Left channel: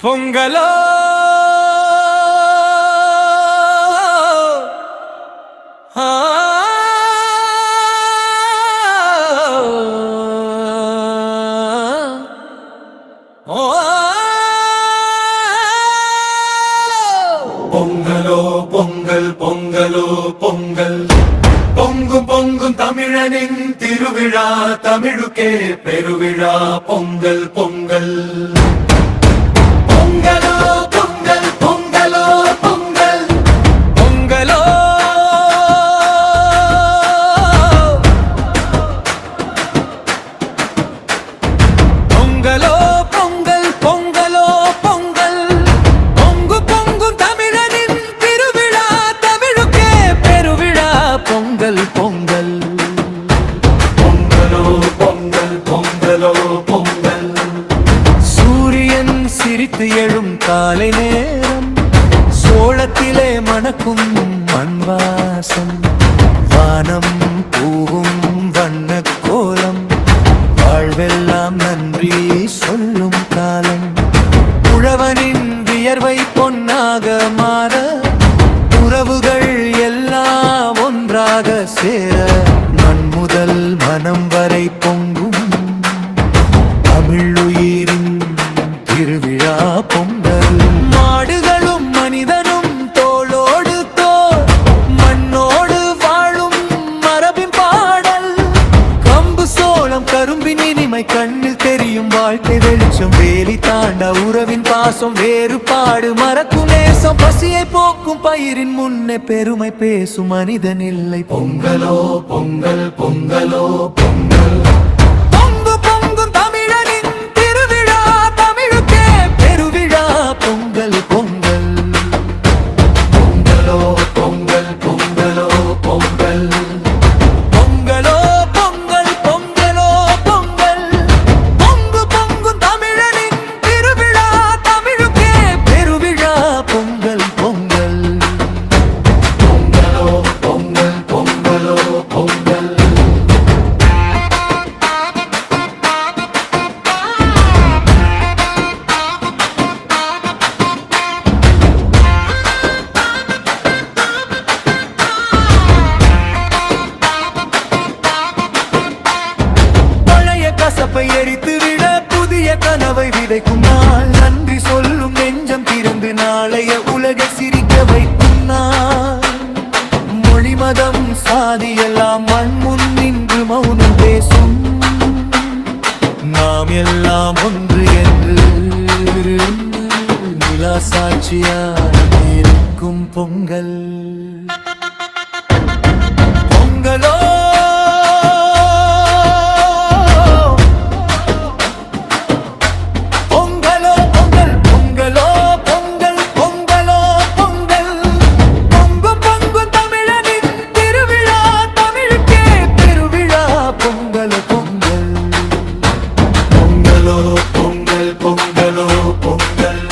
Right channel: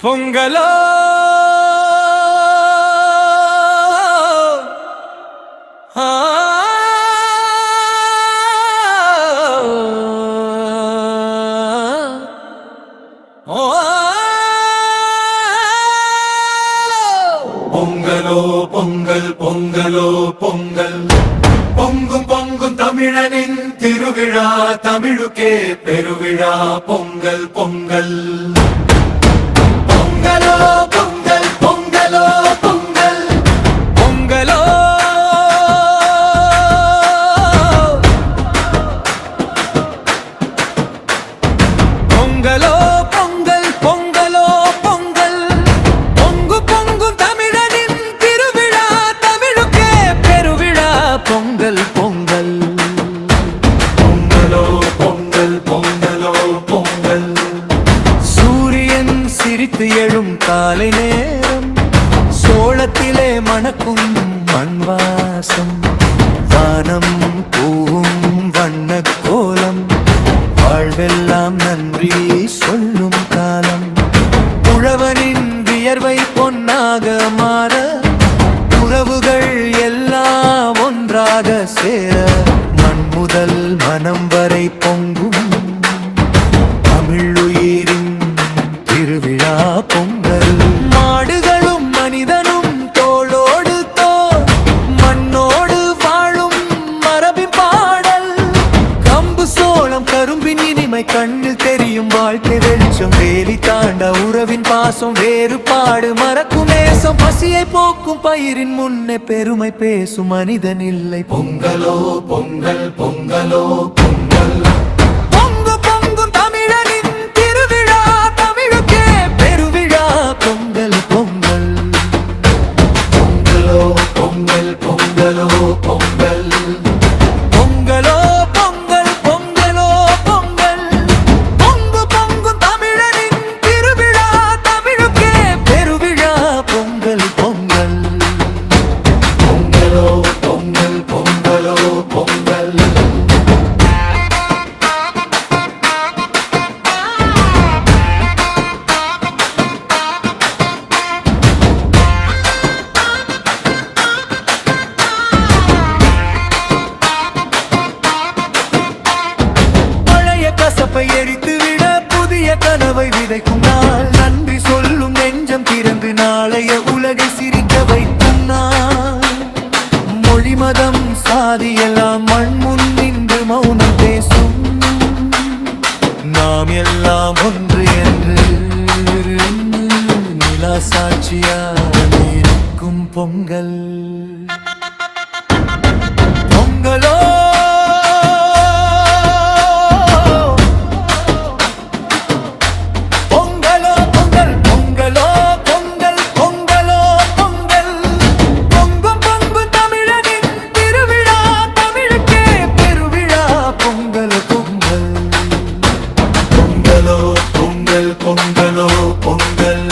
பொங்கலோ பொங்கலோ பொங்கல் பொங்கலோ பொங்கல் பொங்கும் பொங்கும் தமிழனின் திருவிழா தமிழுக்கே பெருவிழா பொங்கல் பொங்கல் பொங்கலோ பொங்கல் பொங்கலோ பொங்கல் பொங்கலோ பொங்கலோ பொங்கல் பொங்கலோ பொங்கல் பொங்கு பொங்கும் தமிழனின் திருவிழா தமிழுக்கே பெருவிழா பொங்கல் பொங்கல் பொங்கலோ பொங்கல் பொங்கலோ பொங்கல் சூரியன் சிரித்து எழும் காலை நேரம் சோளத்திலே மணக்கும் மண்வாசம் வானம் பூவும் வண்ண கோலம் வாழ்வெல்லாம் நன்றி சொல்லும் காலம் உழவனின் வியர்வை பொன்னாக மாற உறவுகள் எல்லாம் ஒன்றாக சேர மண் முதல் மனம் வரை பொங்கும் தமிழுயிரின் திருவிழா பொங்கல் மாடுகளும் மனிதனும் தோளோடு தோள் மண்ணோடு வாழும் மரபின் பாடல் கம்பு சோளம் கரும்பின் இனிமை கண்ணில் தெரியும் வாழ்க்கை வெளிச்சம் வேலி தாண்ட உறவின் பாசம் வேறுபாடு மறக்கும் நேசம் பசியை போக்கும் பயிரின் முன்னே பெருமை பேசும் மனிதன் இல்லை பொங்கலோ பொங்கல் பொங்கலோ பொங்கல் பொங்கு பொங்கும் தமிழனின் திருவிழா தமிழுக்கே பெருவிழா பொங்கல் பொங்கல் பொங்கலோ பொங்கல் பொங்கலோ பொங்கல் பொங்கலோ பொங்கல் பொங்கலோ பொங்கல் பொங்கு பொங்கும் தமிழனின் திருவிழா தமிழுக்கே பெருவிழா பொங்கல் பொங்கல் பொங்கலோ பொங்கல் பொங்கலோ பொங்கல் கசப்பை எரித்துவிட புதிய கனவை விதைக்கும் நாள் நன்றி சொல்லும் நெஞ்சம் திறந்து நாளைய உலகை சிரிக்க வைக்கும் நாள் மொழி மதம் சாதி எல்லாம் மண் முன் நின்று மௌனம் பேசும் நாம் எல்லாம் ஒன்று என்று நிலா சாட்சியாய் இருக்கும் பொங்கல் பொங்கலோ பொங்கல் பொங்கல் பொங்கலோ பொங்கல் பொங்கலோ பொங்கல்